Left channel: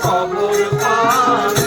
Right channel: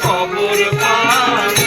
খবর পানি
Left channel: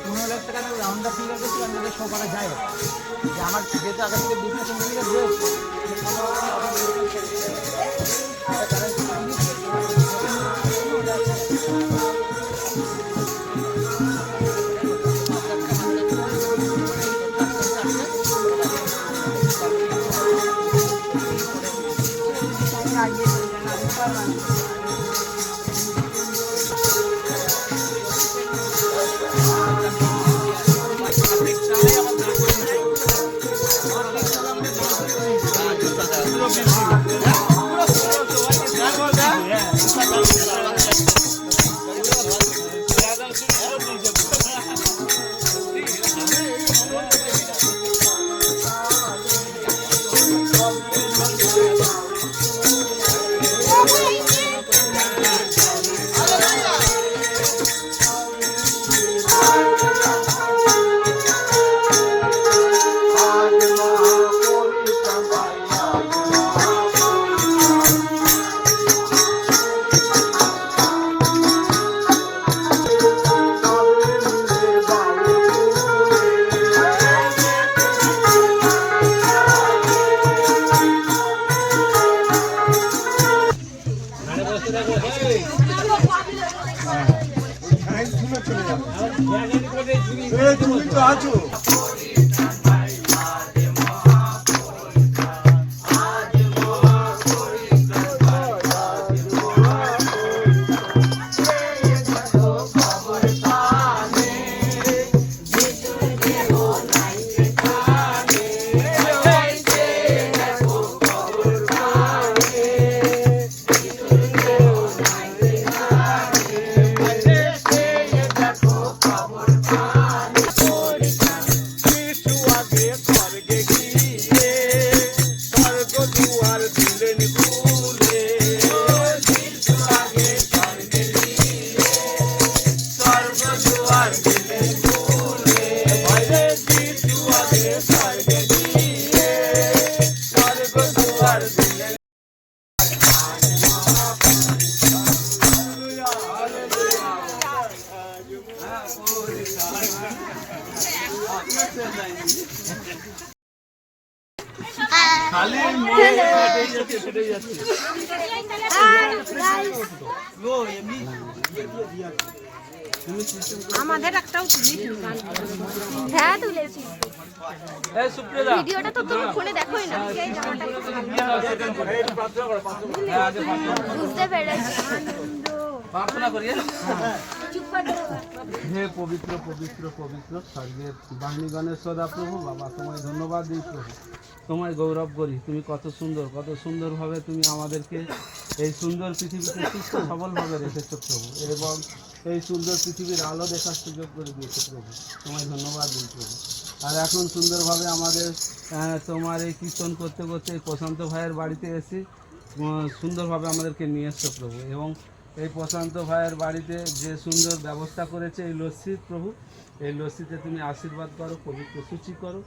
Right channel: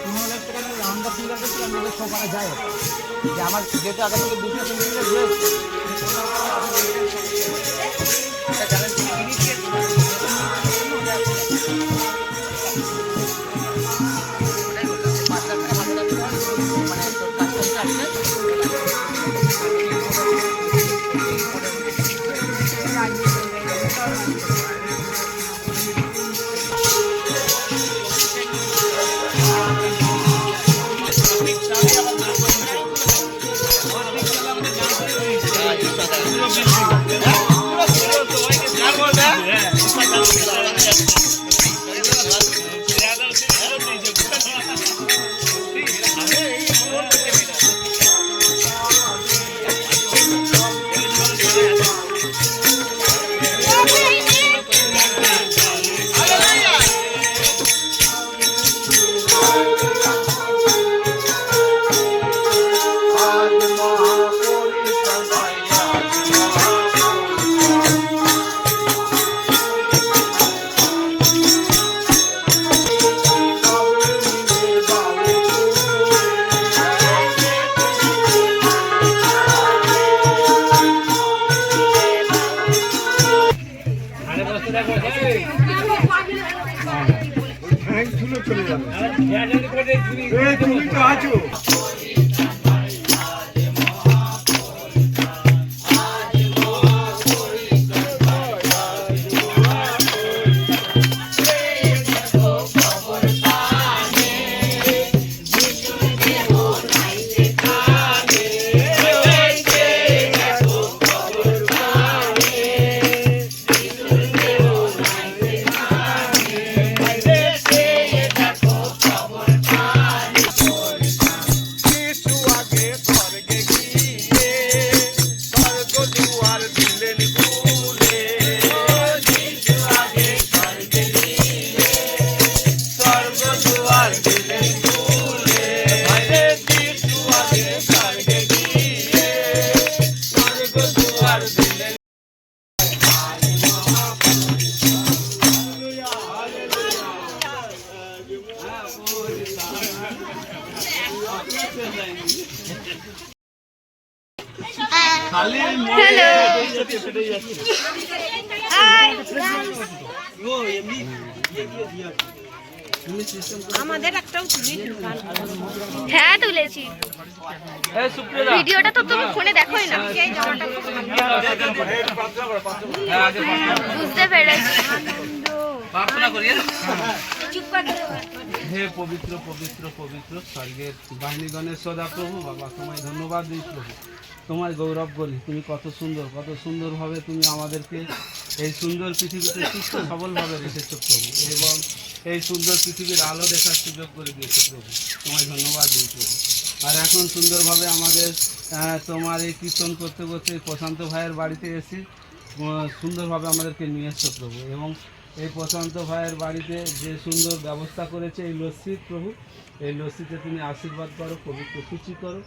পনেরো লাখ টাকা রাউন্ড আপ ফিগার করছি আমাদের সকালে যায় যে আমার যেহেতু আগে থেকে দুশো তিনশো আজ তুমি তো আছো আমাদের একটাও তুলি হ্যাঁ তুলেছি। ভিডিওটা তো তুমি ফোনে দেখোই না। এই জামাটা খুব বুঝতে পেরেছি। চুপ করে হে পবিত্র পবিত্র পবিত্র স্বর্গের বাঙালি গণেশ্বরা প্রভু বাবা তোমায় ধন্যবাদ দিই প্রভু। তোমায় গৌরব করি তুমি কত সুন্দর কত সুন্দরভাবে তুমি আমাদেরকে এই সুন্দর পৃথিবীতে সুস্থ সবলভাবে রেখেছো প্রভু। এবং এই সুন্দর পৃথিবীর আলো দেখার সুযোগ করে দিয়েছ প্রভু। তোমায় ধন্যবাদ দিই প্রভু। আর এখন সুন্দরভাবে আমাদের তোমার এই কীর্তন করতে করতে প্রশান্ত ভাইয়ের বাড়িতে এসে সুন্দরভাবে আমাদেরকে নিয়ে এসছো প্রভু। এবং এই প্রশান্ত ভাইয়ের বাড়িতে যে সুন্দর ব্যবস্থা করেছে এই লস্যির প্রভু, এই লস্যিতে তুমি আশীর্বাদ করো, পবিত্র সূচি করো,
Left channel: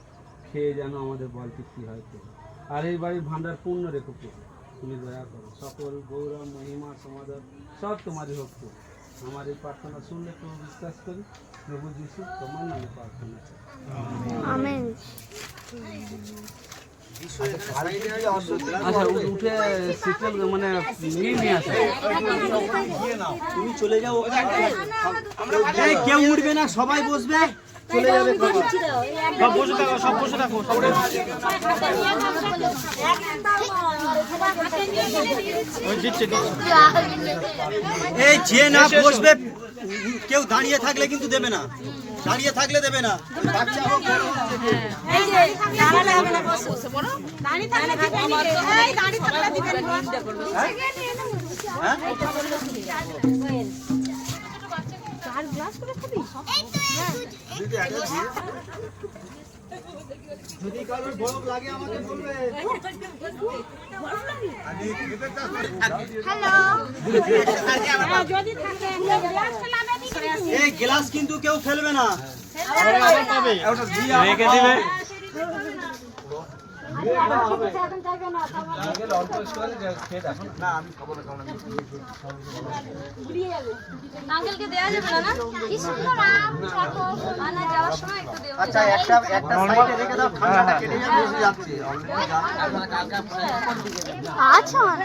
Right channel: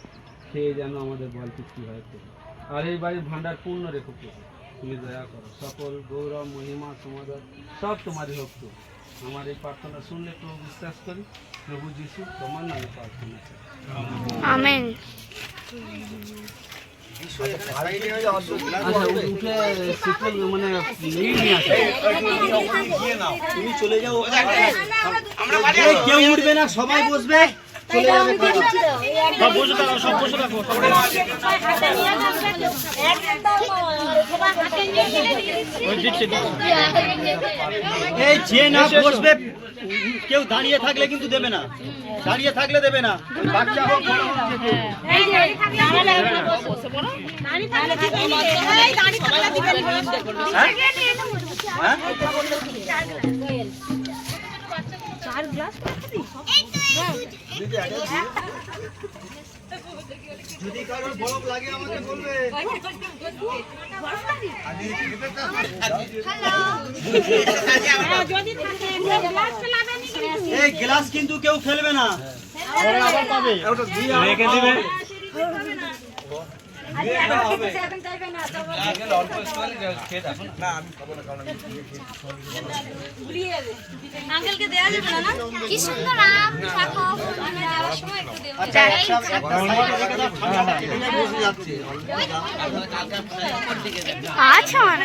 খেয়ে যেন আমাদের বল তৃপ্তি হয় প্রভু আর এই বাড়ির ভাণ্ডার পূর্ণ রেখো প্রভু। তুমি দয়া করো, সকল গৌরব, মহিমা, সমাদর সব তোমারই হোক প্রভু। আমার এই প্রার্থনা শুনলে প্রভু বিশ্বাস করি, প্রভু যিশু তোমার নামে প্রার্থনা আমেন। আচ্ছা উঠে মানে তুমি চলে যাও কেউ উঠবে না সবাই বসবে। চলে যাবে খাবার সব বসে থাকো সব বসে থাকো সব দিচ্ছে দিচ্ছে এই যে না বসবে কেউ দাঁড়িয়ে থাকলে কিন্তু দেবে না দাঁড়িয়ে থাকলে দেবে না বাচ্চা হোক বড় হোক, যে কেউ। যদি কারোর বরফ লাগে আমাকে বলবে। এই গ্লাস কিন্তু কেউ ফেলবে না। রেখে দিবে? কি সুন্দর আম থাকো যাওয়ার সময় একটু দেবো আচ্ছা একটা রেখে দাও ঠান্ডাটা কেটে নিয়ে বসে যাচ্ছে আচ্ছা মানে।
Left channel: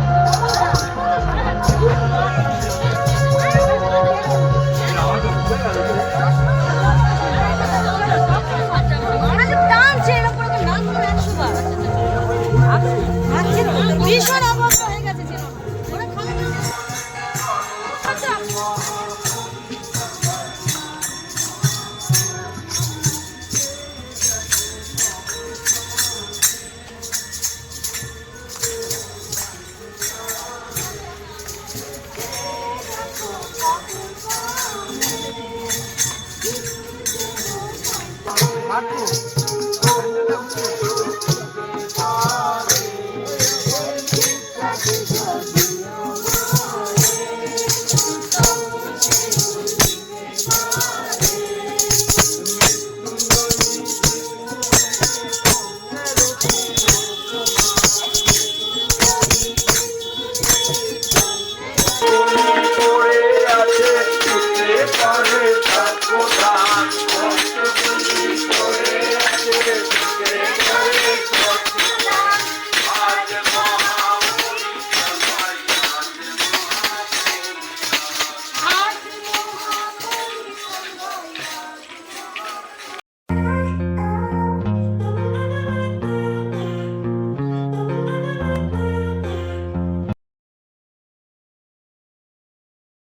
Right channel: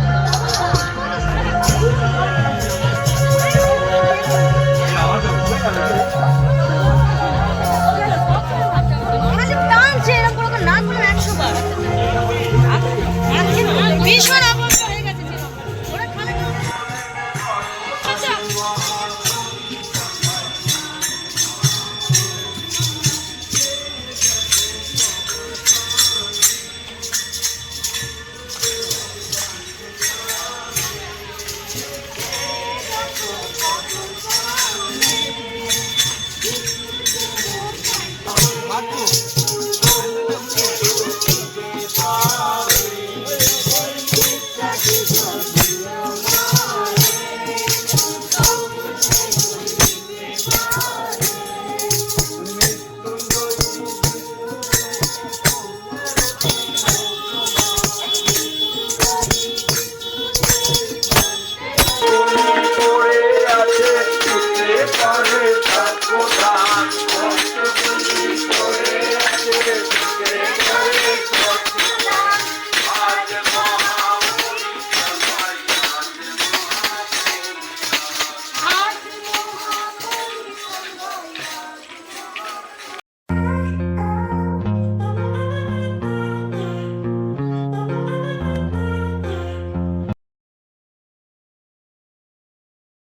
Brasil.